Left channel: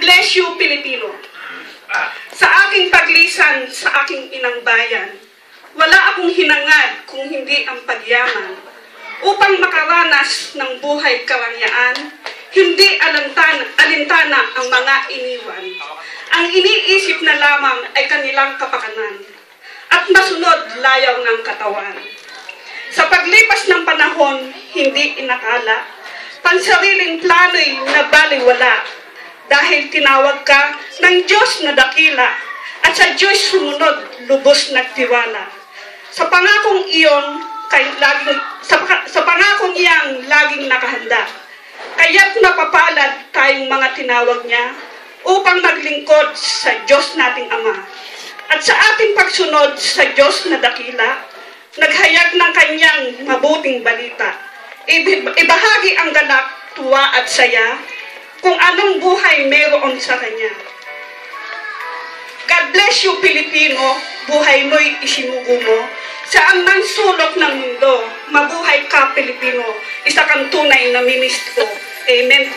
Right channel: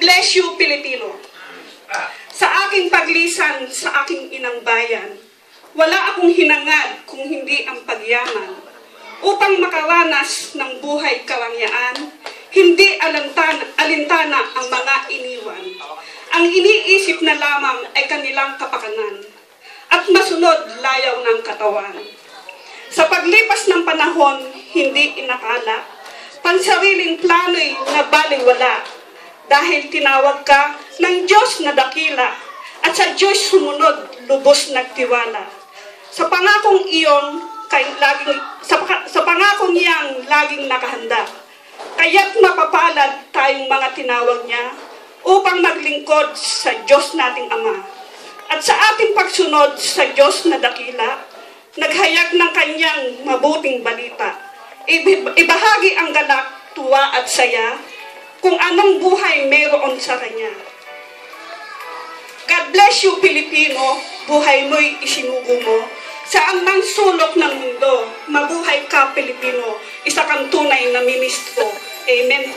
bless you, Pilipino. Sa aking paglisan sa aking inang bayan, wala akong hinangad kung hindi ang pagyaman. Upang makaranas ng buhay karangyaan, hindi alintana ang mga iniwan. Ang iniisip na lamang ay kanilang kapakanan at masunod layaw ng katawan. Sa paglipas ng panahon, hindi inakala, pansariling plano'y nabaliwala dahil tinawag ka ng Diyos na dakila at sa Diyos sumunod, lubos nagtiwala. Sa pangakong iyon, sa pangakong iyang laging nakahanda, kaya't mapapalad tayong mga tinawag niya upang maglingkod sa Diyos nating Ama. At sa ating pagsunod sa Diyos na dakila, naghayag ng kanyang mabuting balita. Ibahagi ang galak, tuwa at saya kung anong buhay mayroon sa kanya. God bless you, Pilipino, buhay mo'y isinugo mo. Saan man sulok ng mundo, mabuhay ka, Pilipino, isa kang tunay na ministro. Amen.